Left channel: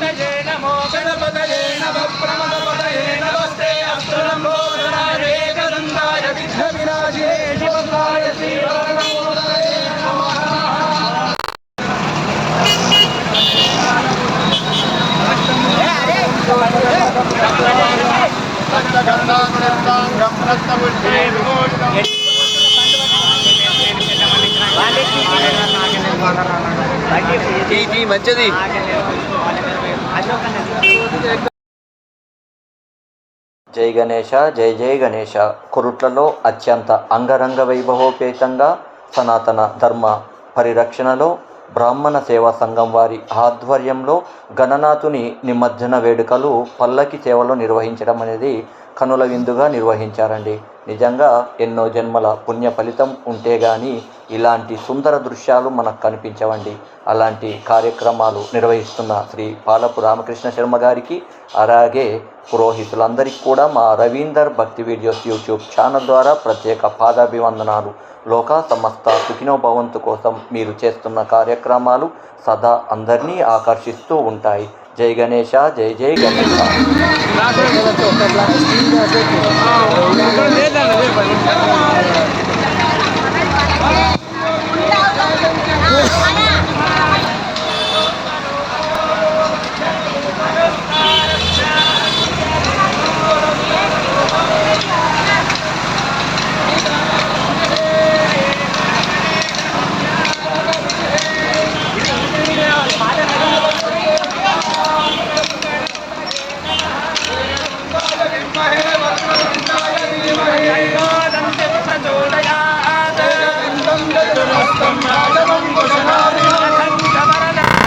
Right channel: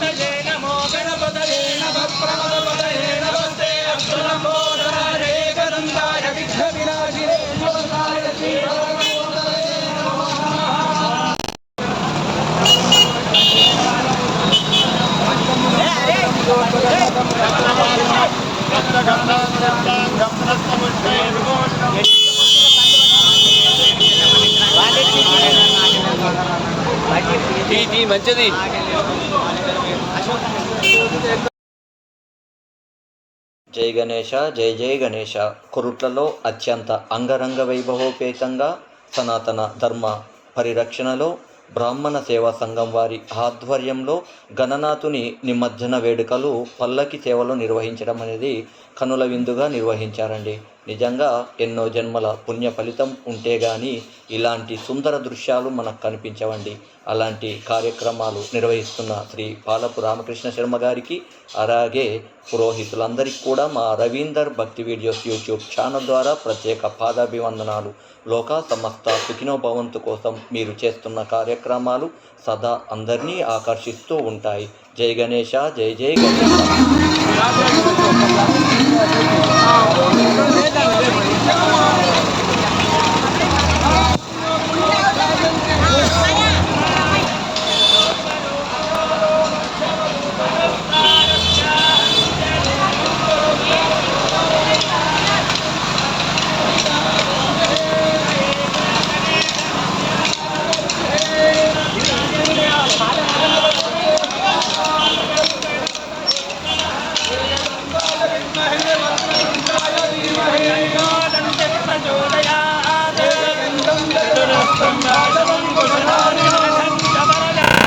గణపతయే నమో గణపతయే నమ ప్రమదపతయే నమస్తే. విఘ్న వినాశినే మంచిది. జై గణేష జై జై గణేష కురుట్లలో అత్యంత అంగరంగ వైభవోపేతంగా సనాతన ధర్మ పరిరక్షణలో బ్రాహ్మణ సేవా సంఘం వారి ఆధ్వర్యంలో గణనాథుని నిమజ్జన వేడుకలు పల్లకి సేవలో నిర్వహించడం అనేది కనుల విందుగా నిర్వహించారండి. నిజంగా ఎన్నో జన్మల పుణ్య ఫలితం ఉంటే గాని ఇలాంటి సుందర దృశ్యాలు మనకు కనిపించవండి. అలాంటి కార్యక్రమాలు నిర్వహిస్తున్న శ్రీ పాలపు రామకృష్ణ శర్మ గారికి అలాగే పురోహితులందరికీ కూడా మా రవీందర్ భక్తి వీడియోస్ యూట్యూబ్ ఛానల్ ద్వారా ప్రత్యేక పాదాభివందనాలు. లోక సమస్త సుఖినో భవంతు కోసం మీరు చేస్తున్న కార్యక్రమాలు సదా అందరినీ ఆకర్షిస్తూ ఉంటాయి. జై గణేష జై జై గణేష దంతి రాజవం